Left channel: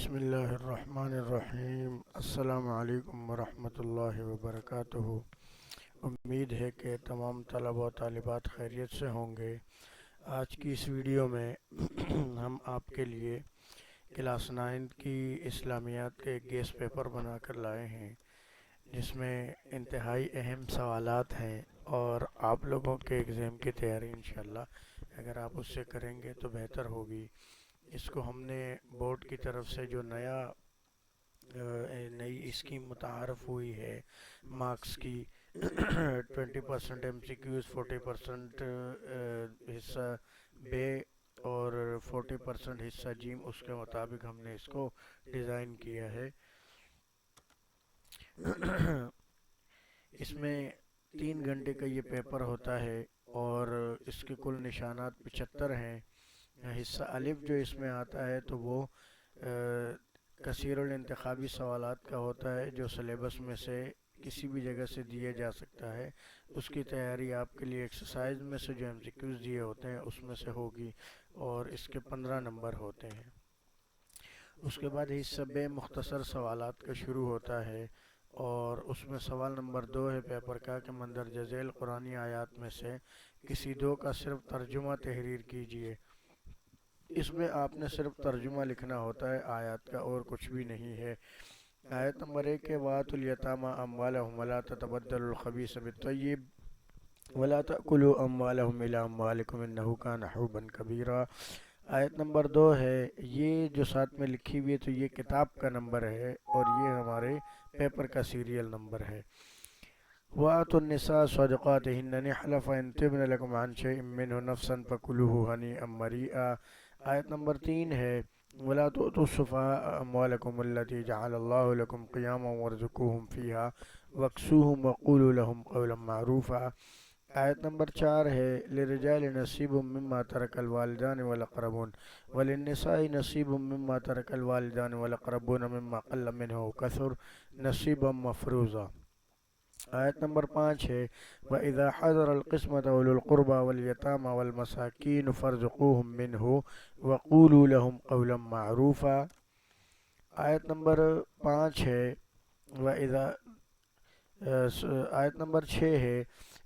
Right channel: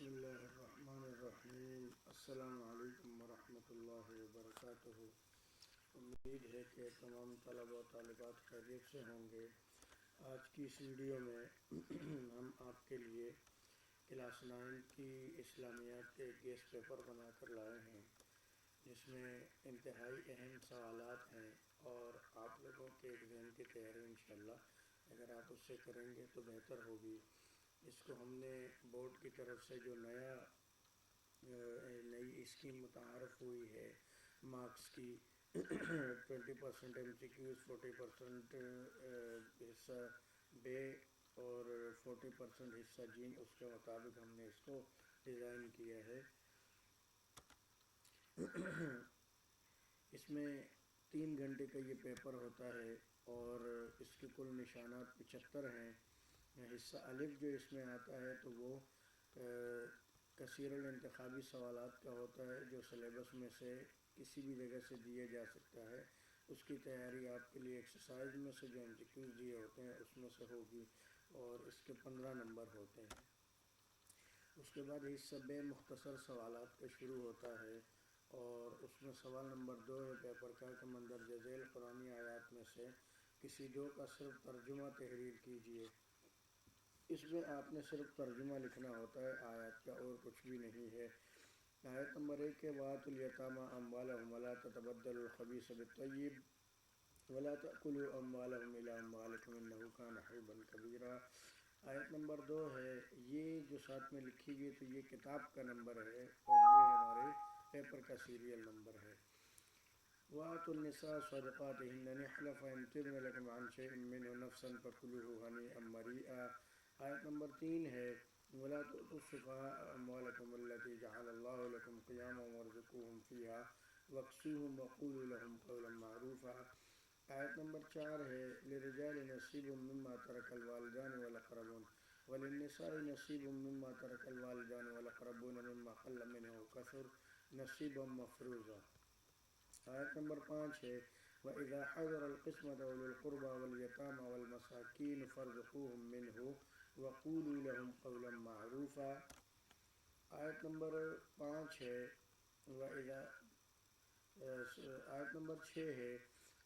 بسم اللہ الرحمن الرحیم۔ السلام علیکم ورحمۃ اللہ وبرکاتہ۔ امید ہے کہ تمام طلبہ و طالبات خیریت سے ہوں گے۔ آج کی اس ویڈیو میں ہم آپ کے لیے کلاس 9 کی اسلامیات کے ایک گیس پیپر بنا کر لائے ہیں، جس میں انتہائی اہم سوالات ہیں، اور آپ لوگوں کے ایگزام کی تیاری انشاءاللہ اگر آپ اس سے کریں گے تو بہتر ہوگی۔ اس کو ہم نے بورڈ کی طرف سے جو نئی اسکیم متعارف ہوئی ہے مارکس کی 20% ایم سی کیوز، 40% حصہ بے اور 40% حصہ جیم، اس کے مطابق ہم نے اس کو ڈیزائن کیا ہے۔ اس میں 3 گھنٹے کا یہ پیپر ہوتا ہے اور اس کے کل نشانات 75 ہیں۔ حصہ الف جو اس میں آتا ہے تو وہ کثیر الانتخابی سوالات کا ہوتا ہے، جو سلیبس میں سے کسی بھی جگہ سے دیا جا سکتا ہے۔ اس کی تیاری آپ کے لیے ایکسرسائز میں سے جو ایم سی کیوز دیے ہوتے ہیں اس میں سے ہوگی، اور اس کے 15 نمبر ہوتے ہیں۔ اس کے بعد حصہ بے مختصر سوالات کا شروع ہوتا ہے، اور اس میں سوال نمبر 2 ہے پیپر کا کہ مندرجہ ذیل قرآنی آیات میں سے کسی دو کا صرف ترجمہ تحریر کیجیے۔ اس میں آپ نے صرف ترجمہ لکھنا ہوتا ہے، آیات کا اور کچھ بھی نہیں ہے۔ آیت نمبر 1 ہے وَآتُوا الْيَتَامَىٰ أَمْوَالَهُمْ وَلَا تَتَبَدَّلُوا الْخَبِيثَ بِالطَّيِّبِ وَلَا تَأْكُلُوا أَمْوَالَهُمْ إِلَىٰ أَمْوَالِكُمْ إِنَّهُ كَانَ حُوبًا كَبِيرًا۔ آیت نمبر 2 ہے، یہ جو ساتھ میں لکھی ہوئی ہے تو یہ کتاب کا نمبر ہے، اور یہ ہمارے پیپر کا سیریل نمبر ہے۔ وَآتُوا النِّسَاءَ صَدُقَاتِهِنَّ نِحْلَةً فَإِن طِبْنَ لَكُمْ عَن شَيْءٍ مِّنْهُ نَفْسًا فَكُلُوهُ هَنِيئًا مَرِيئًا۔ آیت نمبر 3 ہے وَلَا تُؤْتُوا السُّفَهَاءَ أَمْوَالَكُمُ الَّتِي جَعَلَ اللَّهُ لَكُمْ قِيَامًا وَارْزُقُوهُمْ فِيهَا وَاكْسُوهُمْ وَقُولُوا لَهُمْ قَوْلًا مَّعْرُوفًا۔ آیت نمبر 4 ہے لِلرِّجَالِ نَصِيبٌ مِّمَّا تَرَكَ الْوَالِدَانِ وَالْأَقْرَبُونَ وَلِلنِّسَاءِ نَصِيبٌ مِّمَّا تَرَكَ الْوَالِدَانِ وَالْأَقْرَبُونَ مِمَّا قَلَّ مِنْهُ وَكَثُرَ نَصِيبًا مَّفْرُوضًا۔ آیت نمبر 5 ہے وَإِذَا حَضَرَ الْقِسْمَةَ أُولُو الْقُرْبَىٰ وَالْيَتَامَىٰ وَالْمَسَاكِينُ فَارْزُقُوهُم مِّنْهُ وَقُولُوا لَهُمْ قَوْلًا مَّعْرُوفًا۔ آیت نمبر 5 ہے آیت نمبر 6 ہے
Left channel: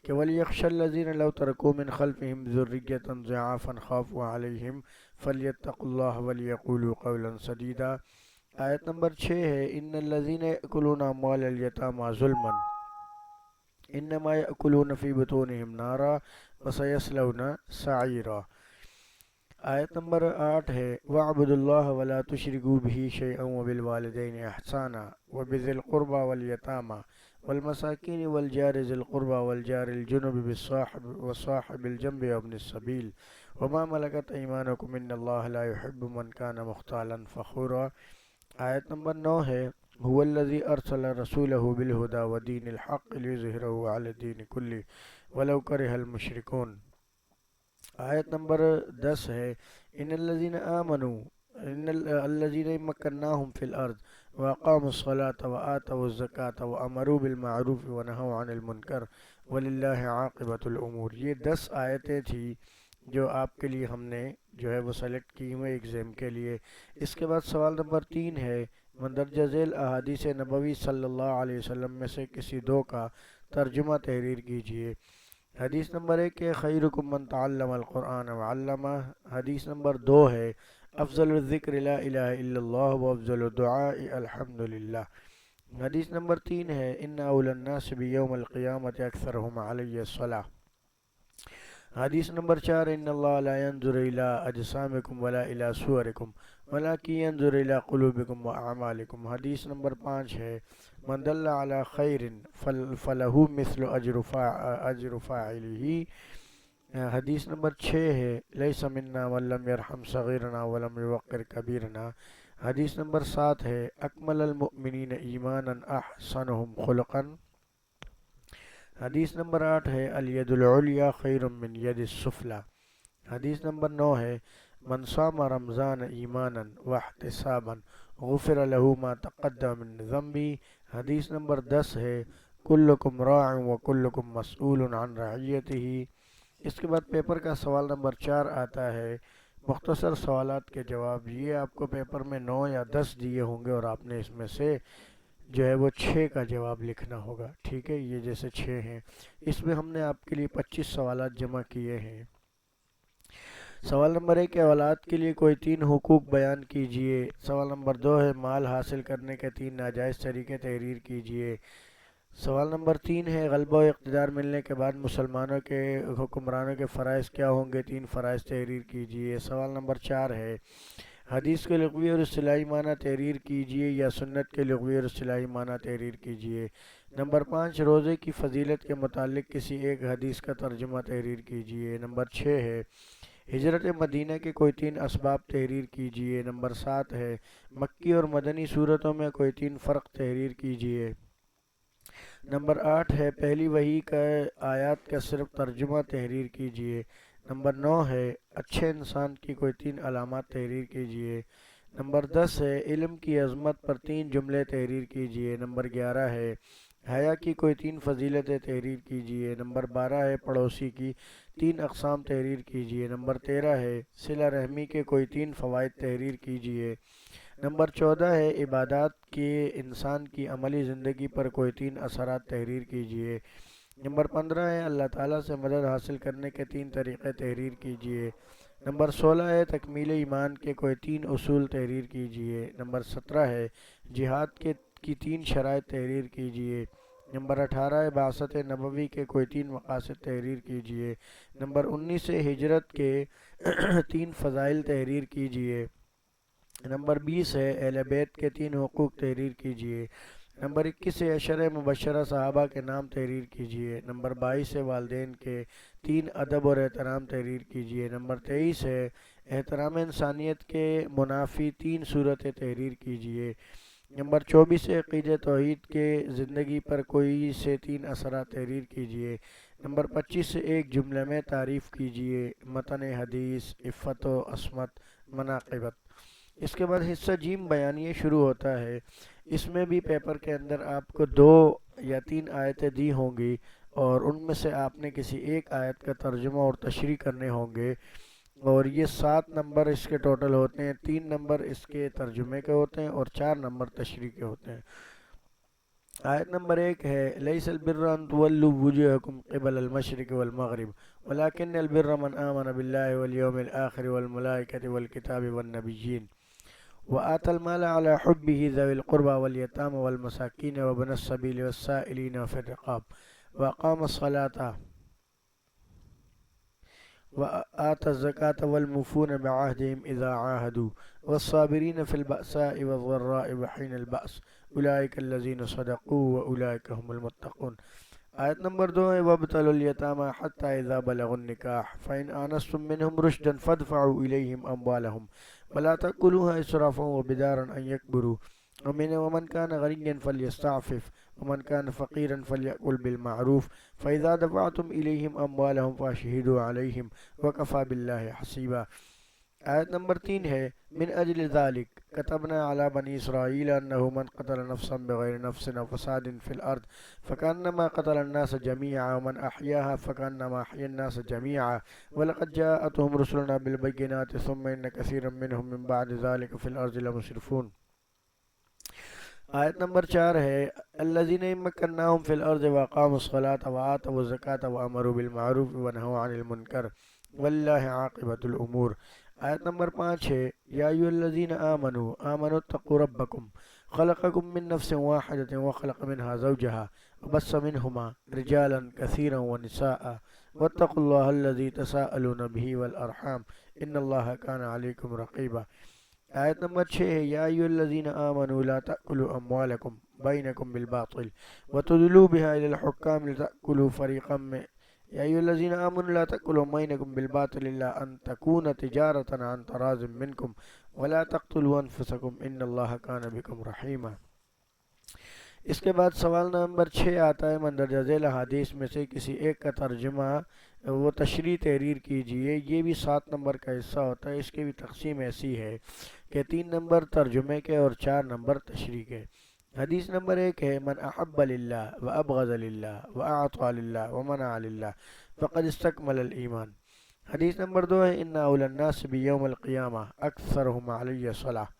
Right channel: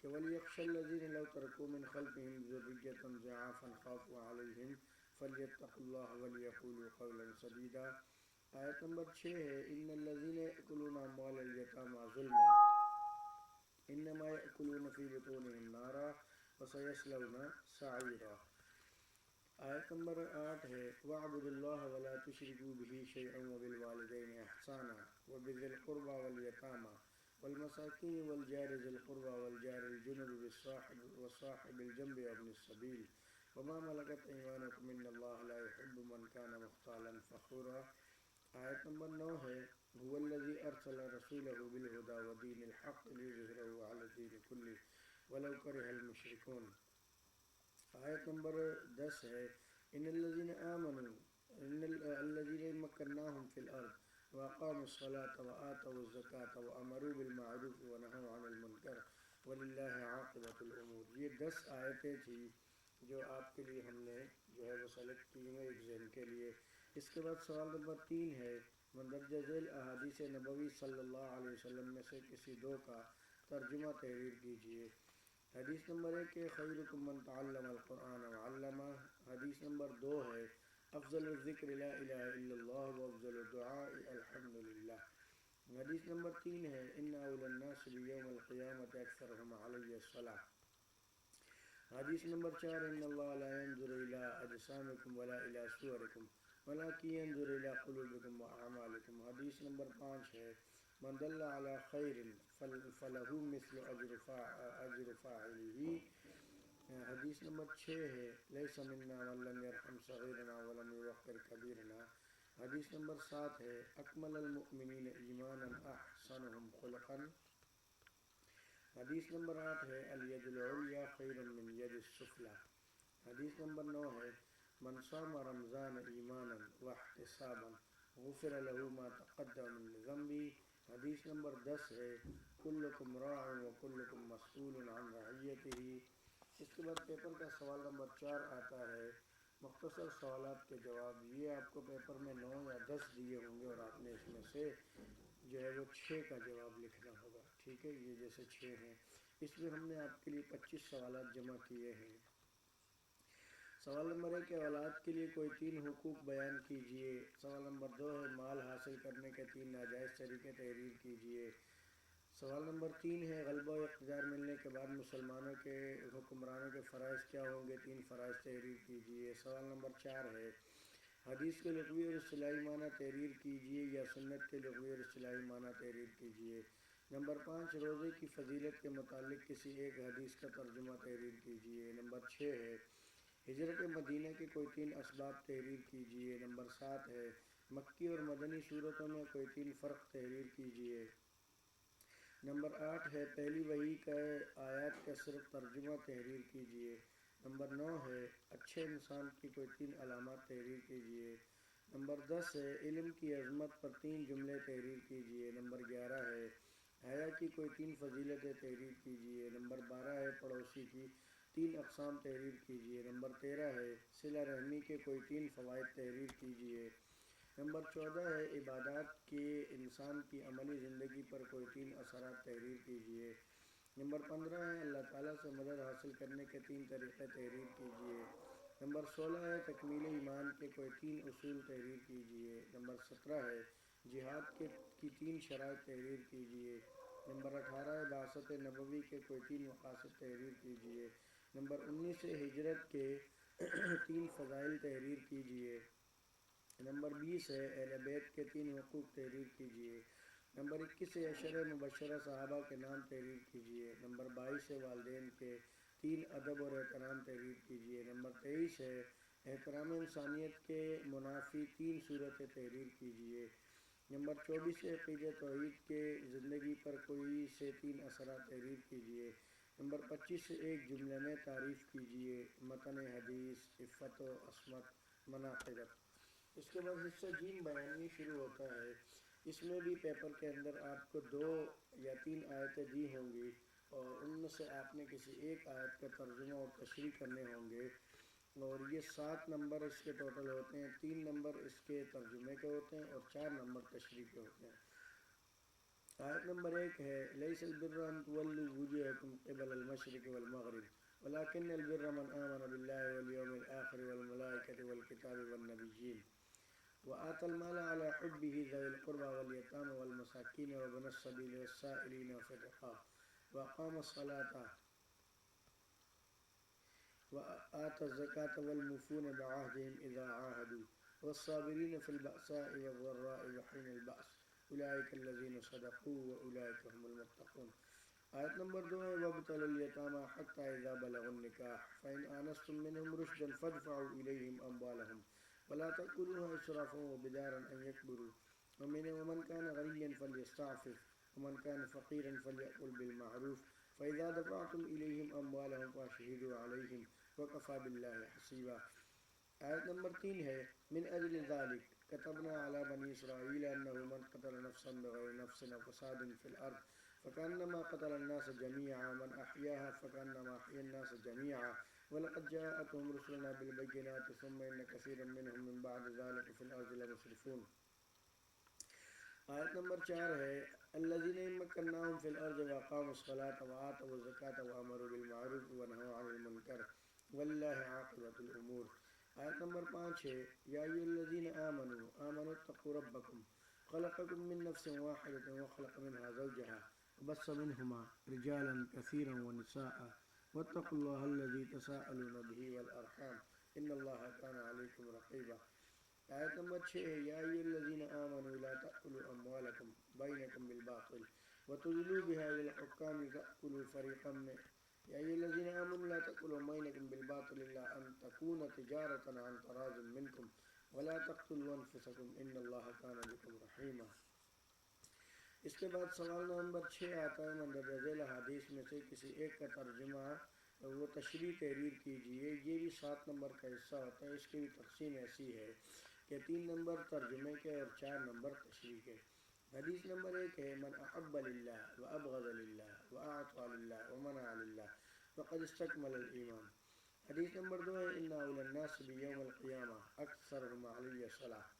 کہ وَلْيَخْشَ الَّذِينَ لَوْ تَرَكُوا مِنْ خَلْفِهِمْ ذُرِّيَّةً ضِعَافًا خَافُوا عَلَيْهِمْ فَلْيَتَّقُوا اللَّهَ وَلْيَقُولُوا قَوْلًا سَدِيدًا۔ آیت نمبر 6 ہے إِنَّ الَّذِينَ يَأْكُلُونَ أَمْوَالَ الْيَتَامَىٰ ظُلْمًا إِنَّمَا يَأْكُلُونَ فِي بُطُونِهِمْ نَارًا وَسَيَصْلَوْنَ سَعِيرًا۔ آیت نمبر 8 ہے وَاعْبُدُوا اللَّهَ وَلَا تُشْرِكُوا بِهِ شَيْئًا وَبِالْوَالِدَيْنِ إِحْسَانًا وَبِذِي الْقُرْبَىٰ وَالْيَتَامَىٰ وَالْمَسَاكِينِ وَالْجَارِ ذِي الْقُرْبَىٰ وَالْجَارِ الْجُنُبِ وَصَاحِبِ الْجَنبِ وَابْنِ السَّبِيلِ وَمَا مَلَكَتْ أَيْمَانُكُمْ إِنَّ اللَّهَ لَا يُحِبُّ مَن كَانَ مُخْتَالًا فَخُورًا۔ آیت نمبر 9 ہے هُوَ الَّذِي أَرْسَلَ رَسُولَهُ بِالْهُدَىٰ وَدِينِ الْحَقِّ لِيُظْهِرَهُ عَلَى الدِّينِ كُلِّهِ وَلَوْ كَرِهَ الْمُشْرِكُونَ۔ آیت نمبر 10 ہے إِنَّ الَّذِينَ آمَنُوا الَّذِينَ مَكَّنَّاهُمْ فِي الْأَرْضِ وَأَقَامُوا الصَّلَاةَ وَآتَوُا الزَّكَاةَ وَأَمَرُوا بِالْمَعْرُوفِ وَنَهَوْا عَنِ الْمُنكَرِ وَلِلَّهِ عَاقِبَةُ الْأُمُورِ۔ یہ 10 آیتیں تھی جو آپ کے لیے ہم نے جو ہے وہ سلیکٹ کی ہوئے ایگزام کے لیے۔ اس کے بعد سوال نمبر 3 ہے مندرجہ ذیل احادیث نبوی صلی اللہ علیہ وسلم میں سے کسی دو کا ترجمہ تحریر کیجیے۔ حدیث نمبر 1 ہے خیرکم من تعلم القرآن وعلمہ۔ حدیث نمبر 2 ہے افضل الذکر لا الہ الا اللہ وافضل الدعاء الحمدللہ۔ حدیث نمبر 3 ہے ان اول الناس بیوم القیامت اکثرهم علی الصلاۃ۔ حدیث نمبر 4 ان اللہ لا ينظر الى اجسامکم ولا الى صورکم ولكن ينظر الى قلوبکم واعمالکم۔ حدیث نمبر 5 ہے من دل علی خیر فلہ مثل اجر فاعلہ۔ حدیث نمبر 6 ہے لیس منا من لم یرحم صغیرنا ولم یوقر کبیرنا۔ حدیث نمبر 7 ہے اکمل المؤمنین ایمانا احسنهم خلقا۔ حدیث نمبر 8 ہے الید العلیٰ خیر من ید السفلی۔ حدیث نمبر 9 ہے من صام رمضان ایمانا واحتسابا غفر له ما تقدم من ذنبه۔ حدیث نمبر 10 ہے کلکم راع وکلکم مسئول عن رعیتہ۔ اس کے بعد پیپر کا سوال نمبر 4 آتا ہے مختصر سوالات کے جواب، یہ آپ کو پیپر میں 9 یا 10 دیے ہوں گے اور آپ نے اس میں سے جو ہے وہ 6 کا جواب لکھنا ہوگا، ٹھیک ہے؟ یہ جیسے 6 ہیں، اس میں ہم نے آپ کے لیے 25 سوالات جمع کیے ہیں۔ سوال نمبر 1 ہے، اولاد کے لیے کوئی 3 حقوق بیان کیجئے۔ سوال نمبر 2 ہے، مال حاصل کرنے کے 3 ناجائز طریقے تحریر کیجئے۔ سوال نمبر 3 ہے، غلبہ و اقتدار ملنے کے بعد مسلمانوں کے حکمرانوں کے فرائض کیا ہوں گے؟ 3 فرائض تحریر کیجئے۔ سوال نمبر 4 ہے، حدیث کے لغوی اور اصطلاحی معنی تحریر کیجئے یا سنت کے لغوی اور اصطلاحی معنی تحریر کیجئے۔ نمبر 5، روزے کی فضیلت کے متعلق کسی ایک حدیث کا ترجمہ تحریر کیجئے۔ نمبر 6 ہے، ہجرت مدینہ کے کوئی 3 اسباب تحریر کیجئے۔ نمبر 7 ہے، مکی اور مدنی صورتوں میں کوئی 3 فرق تحریر کیجئے۔ نمبر 8 ہے، پہلی وحی کا آیات کا صرف ترجمہ تحریر کیجئے۔ نمبر 9 ہے، اچھے انسان کی کوئی 3 علامات تحریر کیجئے۔ نمبر 10 ہے، علم کی عظمت پر 3 جملے تحریر کیجئے۔ نمبر 11 ہے، حیا کی کوئی 3 فضیلتیں تحریر کیجئے۔ نمبر 12 ہے، پڑوسی کی 3 اقسام تحریر کیجئے۔ نمبر 13 ہے، صلہ رحمی کے کوئی 3 فوائد تحریر کیجئے۔ نمبر 14 ہے، عبادات کے انسان کی عملی زندگی پر کوئی 3 اثرات تحریر کیجئے۔ نمبر 15 ہے، اللہ تعالیٰ سے مدد حاصل کرنے کے 3 طریقے تحریر کیجئے۔ نمبر 16 ہے، تکمیل ایمان کے کوئی 3 اصول تحریر کیجئے۔ نمبر 17 ہے، جہاد کی 3 شرائط تحریر کیجئے۔ نمبر 18 ہے، بعثت نبوی کے کوئی 3 مقاصد تحریر کیجئے۔ نمبر 19 ہے، ہجرت کے 3 فضائل تحریر کیجئے۔ نمبر 20 ہے، اہل بیت کے 3 حقوق تحریر کیجئے۔ نمبر 21 ہے، عشرہ مبشرہ صحابہ کے نام تحریر کیجئے۔ نمبر 22 ہے، والدین کے 3 ادب اور احترام تحریر کیجئے۔ نمبر 23 ہے، احترام انسانیت کے منافی 3 صورتیں تحریر کیجئے۔ نمبر 24 ہے، عقیدہ توحید کے زندگی پر کوئی سے 3 اثرات تحریر کیجئے۔ نمبر 25 ہے، ایک جملے میں تعریف کیجئے، متن حدیث، عفت و عصمت، مناقبت۔ اس کے بعد حصہ جیم بیانیہ شروع ہوتا ہے۔ اس میں بھی پیپر کے اندر آپ کو 2 یا 3 آیتیں دی ہوں گی اور ان میں سے آپ نے کسی ایک آیت کا ترجمہ اور تشریح کرنے ہوں گے، اور یہ 7 نمبر اس کے ٹوٹل ہوتے ہیں۔ 3 نمبر اس کے ترجمے کے ہوتے ہیں اور 4 نمبر تشریح کے ہوتے ہیں۔ آیت نمبر 1 ہے، لیس البر ان تولوا وجوہکم قبل المشرق والمغرب ولکن البر من آمن باللہ والیوم الآخر والملائکۃ والکتاب والنبیین وآتى المال على حبه ذوي القربى واليتامى والمساكين وابن السبيل والسائلين وفي الرقاب وأقام الصلاة وآتى الزكاة والموفون بعهدهم إذا عاهدوا والصابرين في البأساء والضراء وحين البأس أولئك الذين صدقوا وأولئك هم المتقون۔ آیت نمبر 2 ہے، وابتلوا اليتامى حتى إذا بلغوا النكاح فإن آنستم منهم رشدا فادفعوا إليهم أموالهم ولا تأكلوها إسرافا وبدارا أن يكبروا ومن كان غنيا فليستعفف ومن كان فقيرا فليأكل بالمعروف فإذا دفعتم إليهم أموالهم فاشهدوا عليهم وكفى بالله حسيبا۔ آیت نمبر 3 ہے، من اجل ذلك كتبنا على بني إسرائيل أنه من قتل نفسا بغير نفس أو فساد في الأرض فكأنما قتل الناس جميعا ومن أحياها فكأنما أحيا الناس جميعا ولقد جاءتهم رسلنا بالبينات ثم إن كثيرا منهم من بعد ذلك في الأرض لمسرفون۔ آیت نمبر 4 ہے، الذين مكناهم في الأرض وأقاموا الصلاة وآتوا الزكاة وأمروا بالمعروف ونهوا عن المنكر والله عاقبة الأمور۔ آیت نمبر 5 ہے، یا ایھا الذین آمنوا اتقوا ربکم خلقکم من نفس واحدۃ وخلق منها زوجها وبث منهما رجالا كثيرا ونساء واتقوا الله الذي تساءلون به والأرحام ان الله كان عليكم رقيبا۔ آیت نمبر 6 ہے، یا ایھا الذین آمنوا لا تأکلوا اموالکم بینکم بالباطل وتدلوا بها إلى الحكام لتأكلوا فريقا من يا أيها الذين آمنوا لا تأكلوا أموالكم بالباطل إلا أن تكون تجارة عن تراض منكم ولا تقتلوا أنفسكم إن الله كان بكم رحيما۔ اس کے بعد سوال نمبر 6 آتا ہے، مندرجہ ذیل حدیث میں سے کسی ایک کا ترجمہ وہ تشریح تحریر کیجئے۔ یہ بھی 7 نمبر کا حصہ ہوتا ہے۔ اس کی بھی تقسیم ایسی ہے کہ 3 نمبر ترجمے کے اور 4 نمبر تشریح کے۔ حدیث نمبر 1 ہے، من احب للہ وابغض للہ واعطى للہ ومنع للہ فقد استکمل الایمان۔ حدیث نمبر 2 ہے ان اول الناس بیوم القیامہ اکثرهم علی صلاح،